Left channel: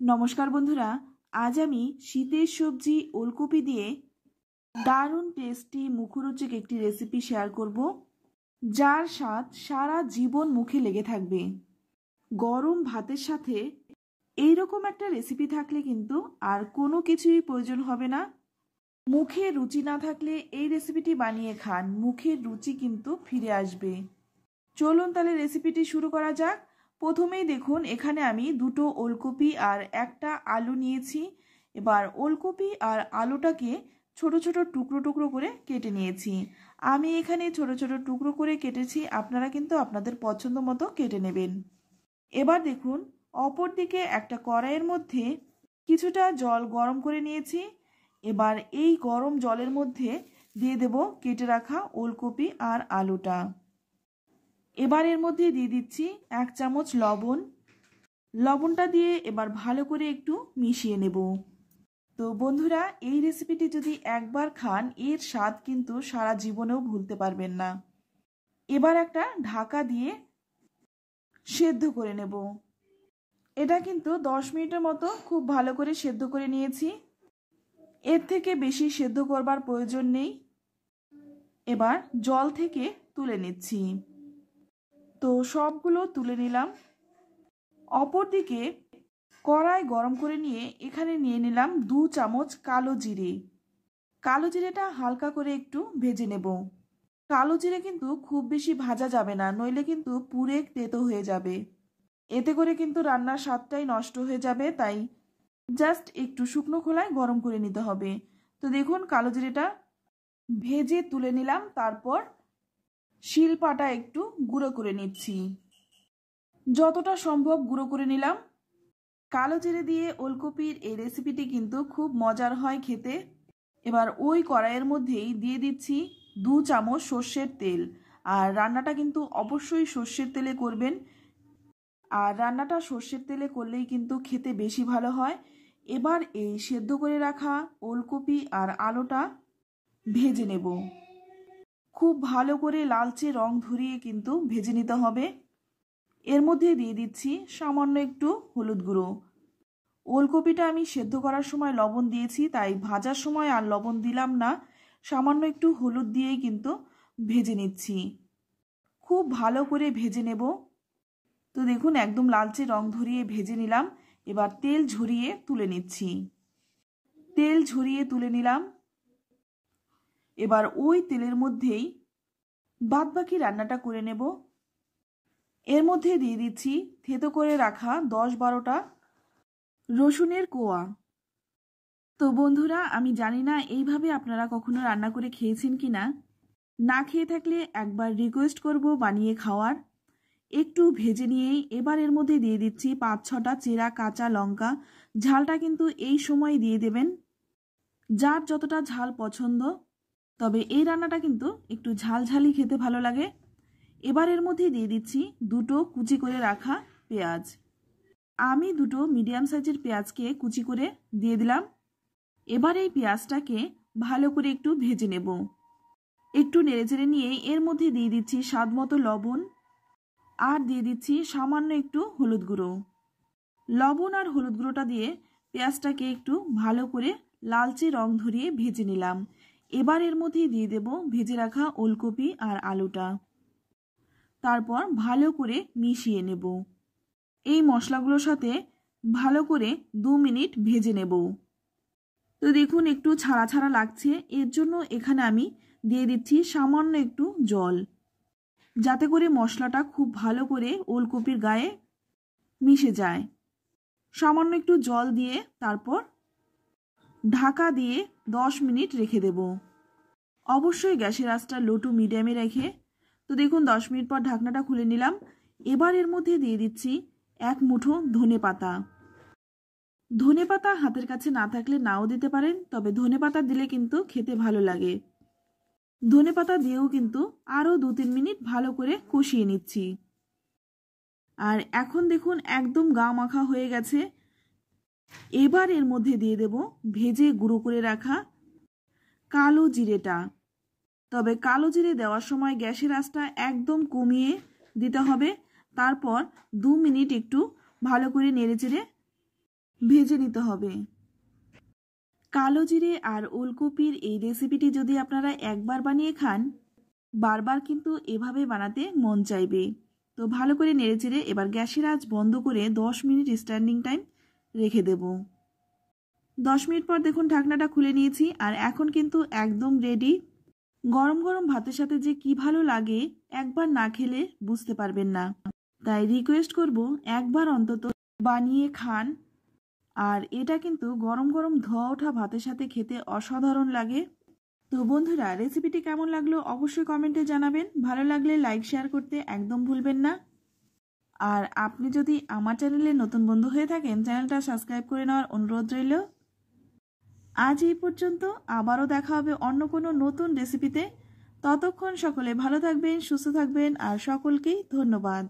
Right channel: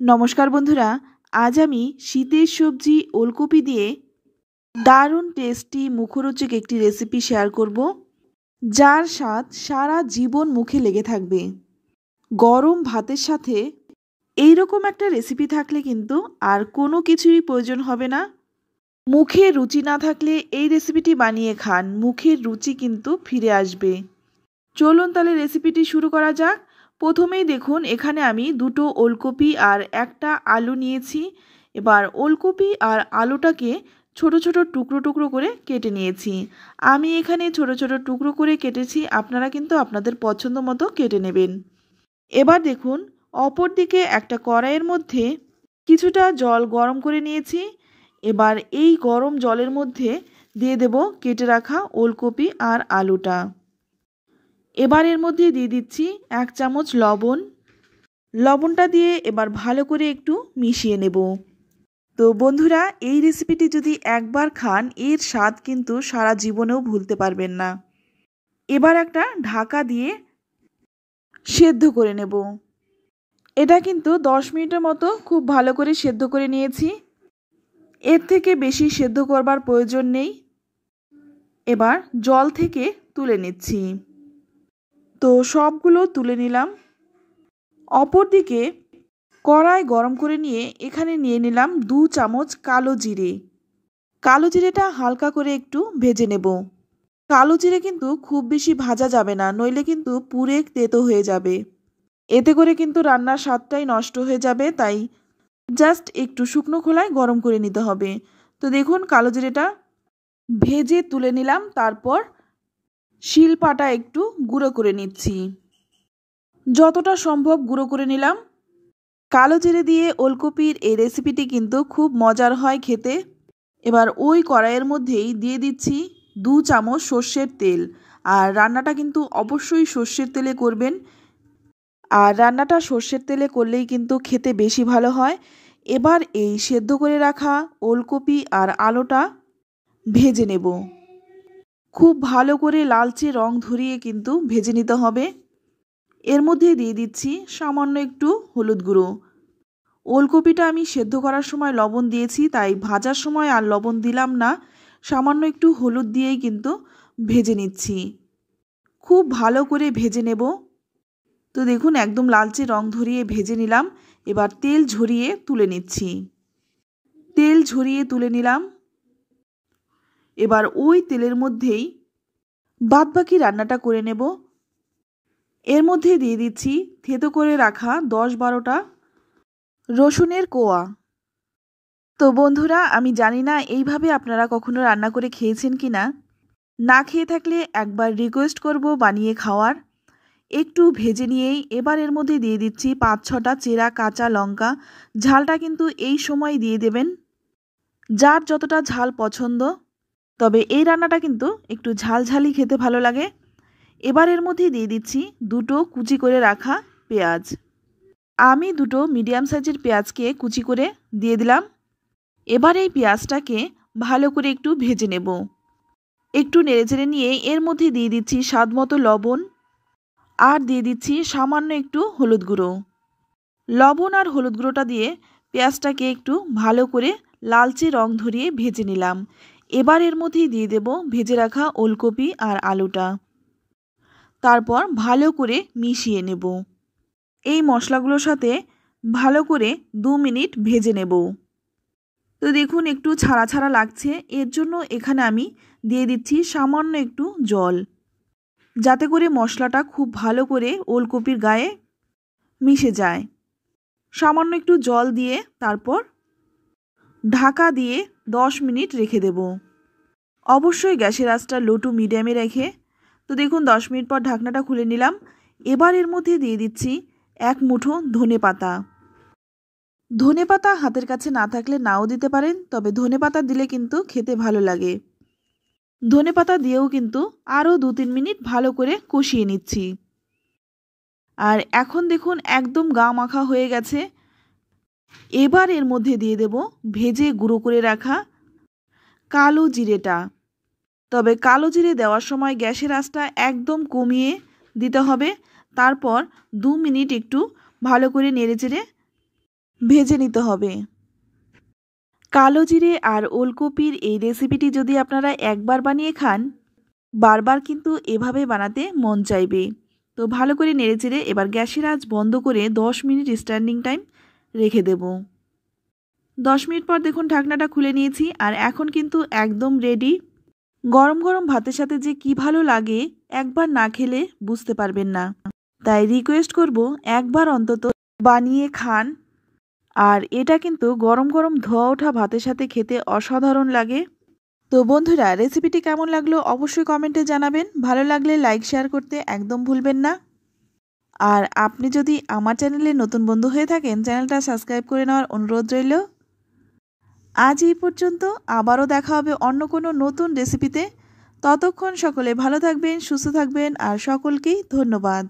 নমস্কার বন্ধুরা, আজ আমি শীতের সবজি ওলকপি দিয়ে দারুণ টেস্টি মুখরোচক একটি রেসিপি শেয়ার করব, যার স্বাদ সারা জীবন মুখে লেগে থাকবে। গরম ভাতের সাথে এই রকম একটা রেসিপি থাকলে কিন্তু আর কোনো কিছুই প্রয়োজন হবে না। মুখে রুচি না থাকলে এই রেসিপিটি বানিয়ে খান, মুখের রুচি কিন্তু ফিরে আসবে। চলুন তাহলে রেসিপিটি শুরু করা যাক। প্রথমেই দেখুন, এখানে আমি দুটো ওলকপি আর একটা আলু নিয়েছি। এবার ওলকপি আর আলুটাকে ছোট ছোট টুকরো টুকরো করে কেটে নিয়েছি। আমি এখানে ছোট ছোট টুকরো করে কেটেছি, আপনারা কিন্তু আপনাদের পছন্দ মতো কেটে নেবেন। এবার দেখুন, অপর দিকে একটা কড়াইয়ের মধ্যে কিছুটা জল গরম করে নিয়েছি। এবার এই গরম জলের মধ্যে দিয়ে দেব কেটে রাখা ওলকপি আর আলুটা। এবার এর মধ্যে দিয়ে দিচ্ছি 1 চামচ লবণ। লবণটা দিয়ে এবার ভালো করে একটু মিশিয়ে নেব। তো বন্ধুরা, এই রেসিপিটি যদি একবার খান এর স্বাদ কিন্তু সারা জীবনেও ভুলতে পারবেন না। এবার একটা ঢাকা দিয়ে সেদ্ধ করে নেব। এটা কিন্তু 10 মিনিটের মতো খুব ভালো করে সেদ্ধ করে নিয়েছি। এর থেকে বেশি সেদ্ধ করবার প্রয়োজন নেই। এবার জল থেকে তুলে নিচ্ছি। তো সবগুলো তুলে নিলাম। অপরদিকে কড়াই গরম করে নিয়ে এখানে নিয়ে নিলাম 2 চামচ কালো জিরে। কালো জিরেটা হালকা করে একটু ভেজে নেব। কালো জিরে কিন্তু খুব বেশি ভাজা যাবে না, নইলে কিন্তু পুড়ে তেতো হয়ে যাবে। এতে করে কিন্তু রান্নার স্বাদটাই নষ্ট হয়ে যাবে, তাই জাস্ট একটু শুকনো খোলায় গরম করে নিতে হবে। তো দেখুন, কালো জিরেটা ভেজে তুলে নিলাম। তারপর শিলপাটা একটু গুঁড়ো করে নিচ্ছি। যতটা সম্ভব গুঁড়ো করে নিলাম। কালো জিরে দিয়ে ওলকপির এই রেসিপিটি কিন্তু খুব মজার হয় খেতে। এবার ওই কড়াইয়ের মধ্যেই দিয়ে দিচ্ছি 2 চামচ সর্ষের তেল। আর রান্নাটা কিন্তু অবশ্যই সর্ষের তেলে করবেন। আর রান্নাটা সর্ষের তেলে করলেই কিন্তু খেতে বেশি ভালো হয়। এবার এই সেদ্ধ করে রাখা ওলকপি আর আলুটা ভেজে নেব। খুব ভালো করে লালচে রং ধরিয়ে কিন্তু ভেজে নিতে হবে। এর মধ্যে দিয়ে দিচ্ছি সামান্য একটু হলুদ গুঁড়ো। ওলকপিটা আমি সেদ্ধ করার সময় লবণ দিয়েছি, তাই ভাজার সময় আর লবণ দিলাম না। সামান্য একটু হলুদ দিয়েই কিন্তু ভেজে নিচ্ছি। খুব ভালো করে ভেজে নেব। তো দেখুন, একদম লালচে রং ধরিয়ে ভেজে নিলাম। এবার তেল ঝরিয়ে তুলে নিচ্ছি। তেল ঝরিয়ে তুলে নিলাম। এবার ওই তেলের মধ্যেই বাদবাকি রান্নাটা করে নেব। এর মধ্যে দিয়ে দিচ্ছি থেতো করে রাখা 10-12টা রসুনের কোয়া। তো বন্ধুরা, আমি জানি না এইভাবে আপনারা কখনো রান্না করে খেয়েছেন কি না। না খেয়ে থাকলে একবার রিকোয়েস্ট করব বানিয়ে খাওয়ার। একটু ভেজে নিয়েই এবার এর মধ্যে দিয়ে দিচ্ছি 5-6টা চেরা কাঁচা লঙ্কা। ঝালটা কিন্তু এই সময় দিয়ে দেবেন, যার যতটা ঝাল পছন্দ। তবে এই রান্নাটা কিন্তু একটু ঝালঝালি খেতে ভালো লাগে। এবার এর মধ্যে দিয়ে দিচ্ছি 2টো কুচি করে রাখা পেঁয়াজ। আমি 2টো মিডিয়াম সাইজের পেঁয়াজকে কুচি করে দিয়ে দিলাম। এবার এই পেঁয়াজটাকে ভালো করে একটু ভেজে নেব। একটু নেড়েচেড়ে নিয়ে এর মধ্যে দিয়ে দিচ্ছি স্বাদমতো লবণ আর দিয়ে দিচ্ছি সামান্য একটু হলুদ গুঁড়ো। লবণ আর হলুদ গুঁড়োটা দিয়ে পেঁয়াজটাকে একটু ভালো করে লালচে রং ধরিয়ে ভেজে নিলাম। এবার এর মধ্যে দিয়ে দেব ভেজে রাখা ওলকপি আর আলুটা। তারপর ভালো করে মিশিয়ে নেব। এই মশলাগুলোর সাথে ভালো করে 2 মিনিট ভেজে নেব। তো দেখুন, একটু ছাড়া ছাড়া লাগছে, এর জন্য এখানে আমি দিয়ে দিচ্ছি সামান্য একটু জল, যাতে করে মশলাটা খুব ভালো করে ওলকপির গায়ে মিশে যায়। সামান্য একটু জল দিয়ে তারপর ঢাকা দিয়ে 10 মিনিট রেখে দেব। অবশ্যই গ্যাসের আঁচটা লো টু মিডিয়ামে রেখে। তো দেখুন, 10 মিনিট পর ঢাকনাটা খুলে নিলাম। এবার এর মধ্যে দিয়ে দিচ্ছি 1 মুঠো ধনেপাতা। ধনেপাতা হাতের কাছে না থাকলে নাও দিতে পারেন, তবে ধনেপাতা দিলে কিন্তু খেতে ভালো লাগে। ধনেপাতা দিয়েও কিন্তু আরও 2-3 মিনিট ভালো করে কষিয়ে নিচ্ছি। আর এখন দেখুন, একদম গা মাখা হয়ে গেছে। এবার এর মধ্যে দিয়ে দেব ভেজে গুঁড়ো করে রাখা কালো জিরেটা। তবে কালো জিরে দেওয়ার সময় গ্যাসের আঁচটা একদম কমিয়ে দিতে হবে। তারপর 2 মিনিট একটু ভালো করে নেড়েচেড়ে ভেজে নিতে হবে। কালো জিরে আর ওলকপির এই রেসিপিটি যদি আপনারা একবার বানিয়ে খান, বারবার কিন্তু এভাবে বানাতে মন চাইবে। তো ভালো করে নেড়েচেড়ে এবার গ্যাসের আঁচ বন্ধ করে 10 মিনিট স্ট্যান্ডিং টাইম রেখে দেব। 10 মিনিট পর দেখুন ঢাকনাটা খুলে নিয়েছি, আর এখন কিন্তু একদম রেডি। গরম গরম ভাতের সাথে যে কি ভালো লাগে, একবার না খেলে বুঝতে পারবেন না। তাই রিকোয়েস্ট করব, একবার অন্তত বানিয়ে খান। আর এটা কিন্তু গরম গরম ধোয়া ওঠা ভাতের সাথে খেতে অসাধারণ লাগে। তো বন্ধুরা, রেসিপিটি কেমন লাগলো অবশ্যই কমেন্টে জানাবেন। ভালো লাগলে লাইক শেয়ার করতে একদম ভুলবেন না। আর আপনি যদি আমার চ্যানেলে নতুন বন্ধু হয়ে থাকেন, চ্যানেলটা সাবস্ক্রাইব করে নেওয়ার অনুরোধ রইল। আজ এই পর্যন্ত, আবারও দেখা হবে অন্য কোনো নতুন রেসিপিতে। ততক্ষণ সকলে ভালো থাকবেন, সুস্থ থাকবেন, আর সকলকেই ধন্যবাদ।